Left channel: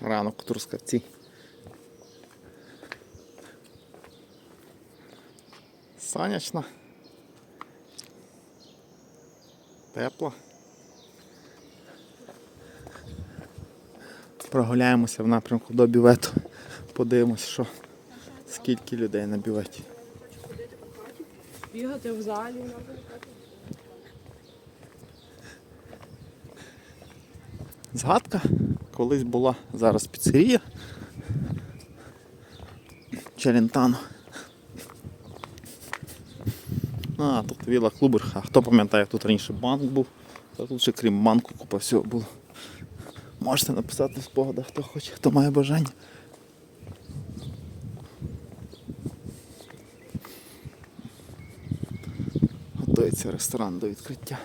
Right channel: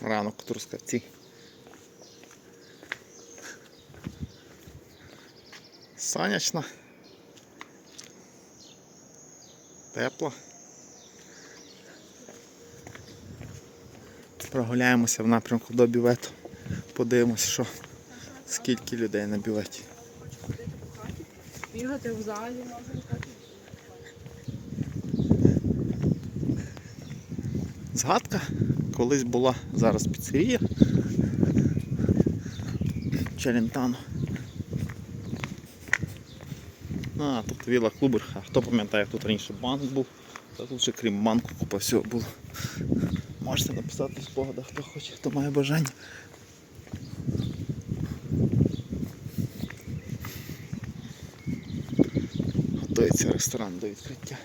Ранок Трускавці. Сонячно. Тепло. Прогуляємося в напрямку до бювету. Подивимося, що скільки людей на бюветі. Бігати в залі. Згадка колись була зараз піцерія. Челентано. А, тут віла клубер. А хто пам'ятає, тут раніше банк був, то тут ще крім банку купа всього було. Можете написати в спогадах, хто хоче, хто має бажання. Готується ресторан до відкриття.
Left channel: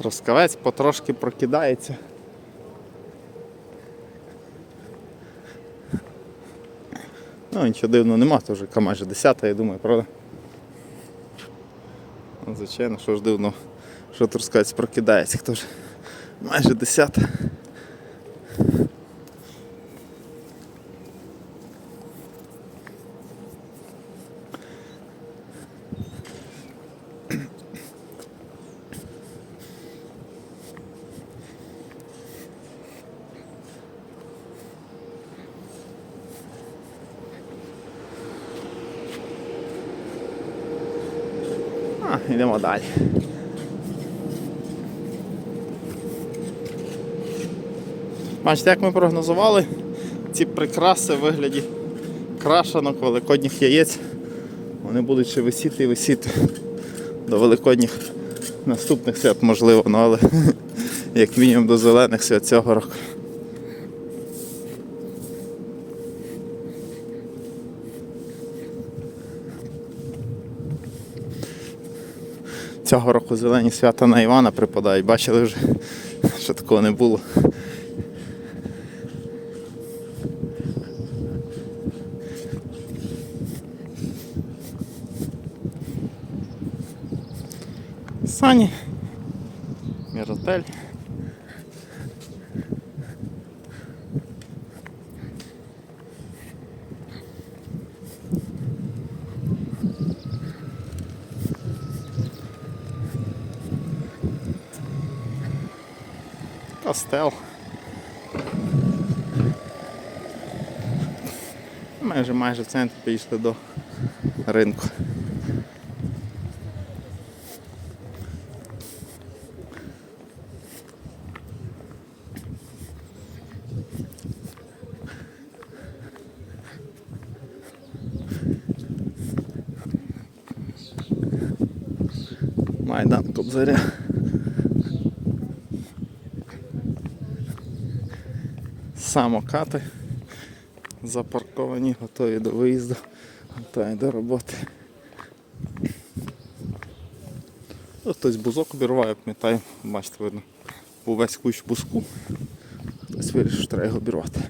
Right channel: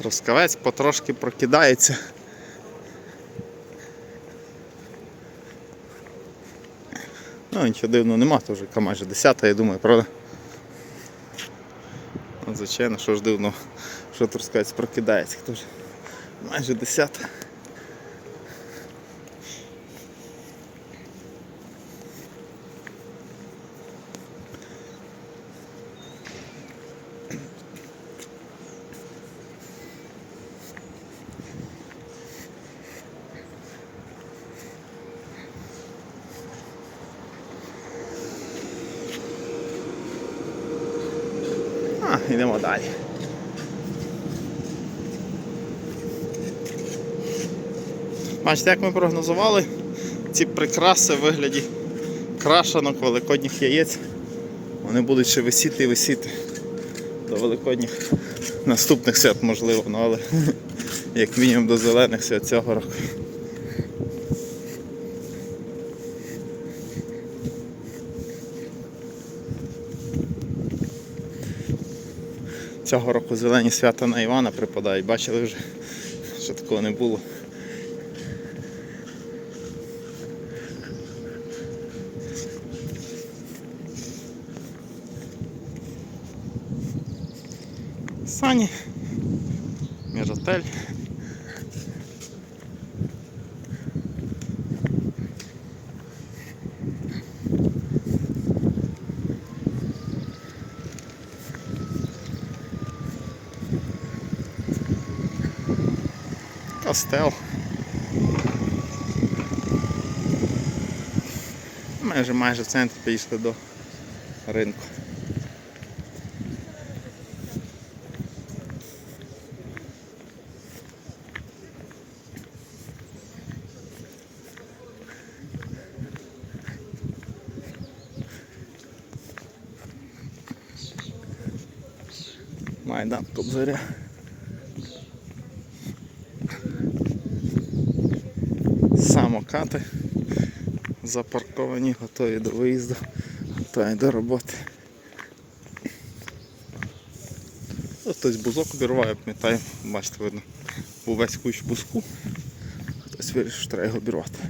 Трускавець потрошки прокидається. Ну, нічого дивного нема, то вже майже 10, я думаю, правда? Ну, звичайно, що ж дивно, що Трускавець прокидається, хто ж майже 10. А, йдемо далі. Бачите, як ми прогнозували, ці прикраси в вигляді крашенок великодніх яєць. Вони будуть ще висіти і висіти до великодніх наступних свят, можливо, ну, але як мінімум до зелених свят цього року. Цього року зелені свята на Івана припадають, бачили вже, що такого не було. Сані, Міротель. Костел. Майже майже в центрі підійшли до ринку. Майдан Кобзаря. Самокати запарковані, готові до виїзду, готові до роботи. Ось Хтось бузок обірває, пам'ятаю, бачите, видно, був весь кущ бузку. Хтось вирішив, що треба його обірвати.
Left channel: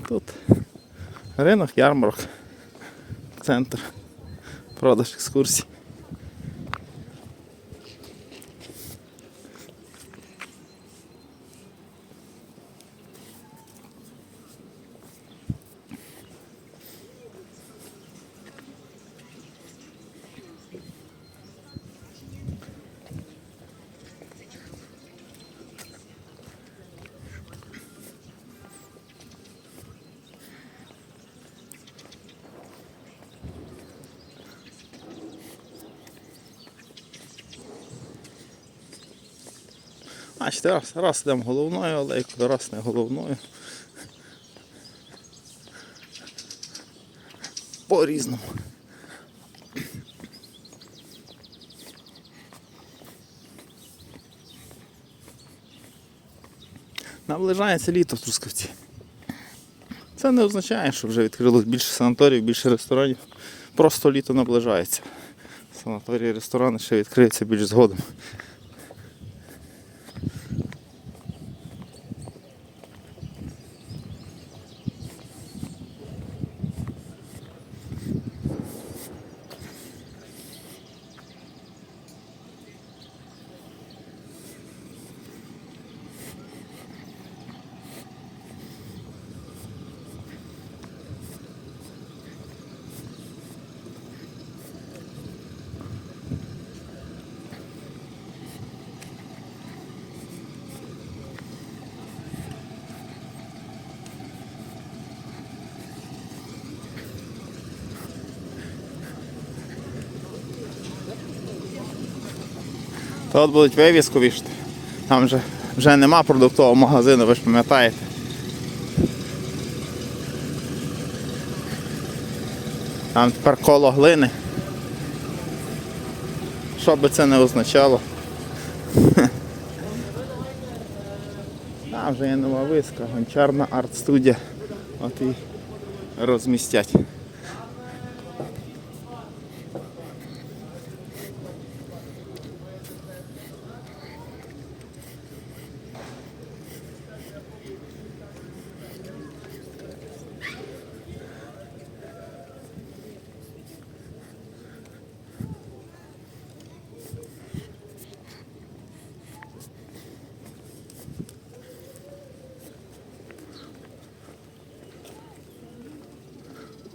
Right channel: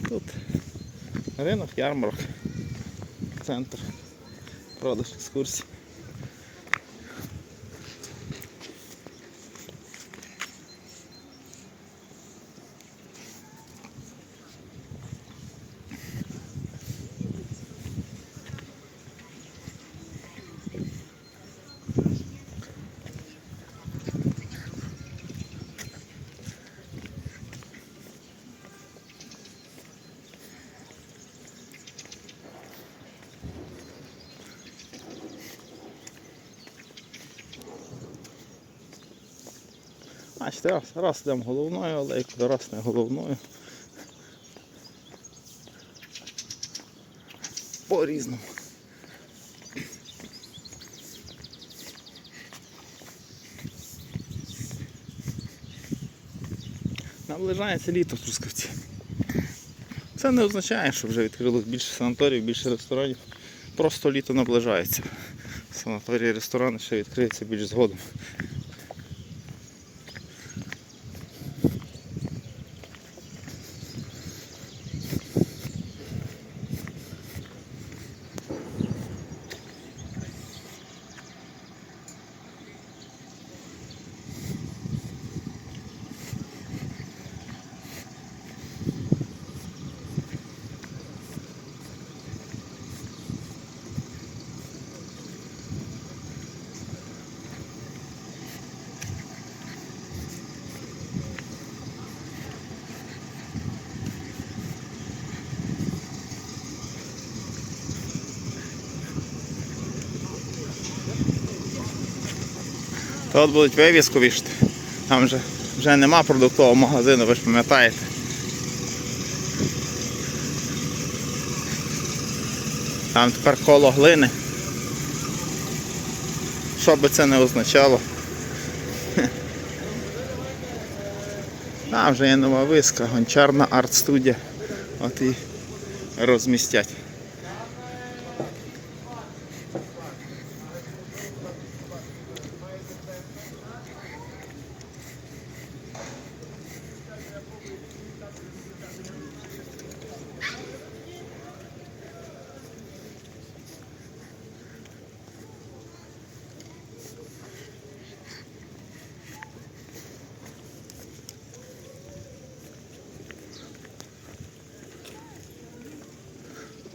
Тут ринок, ярмарок, центр, продаж екскурсій. Бачите, раз, раз йдемо головною алейкою, раз не головною. По-різному. Наближається літо в Трускавці. Це не означає, що вже відкрилось більше санаторіїв, більше ресторанів. Просто літо наближається. Санаторії, ресторани ще відкриються більш згодом. Та от будуть вивіску вішати. Там вже, вже нема продуктового магазину, ви ж пам'ятаєте. Там тепер коло глини. Що би це не означало. Там вже є нова виска, гончарна арт-студія. От і розмістять.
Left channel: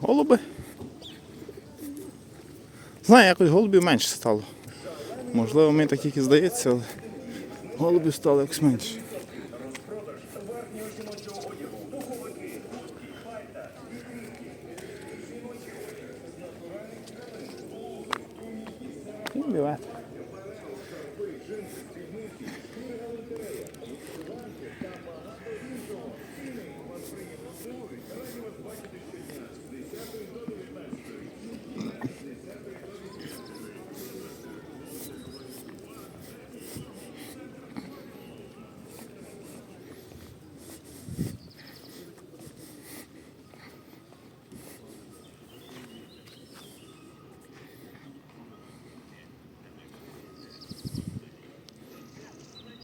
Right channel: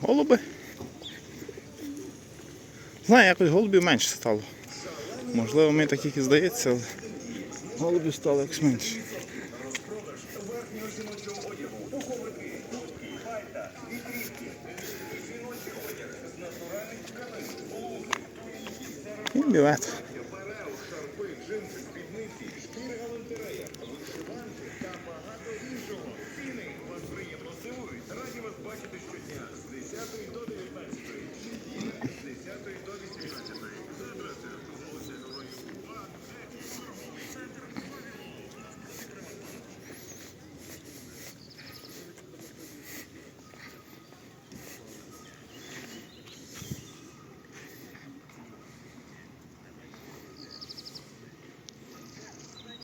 Голуби. Знаю, якось голубів менше стало. Можливо, мені так і здається, але голубів стало якось менше. І.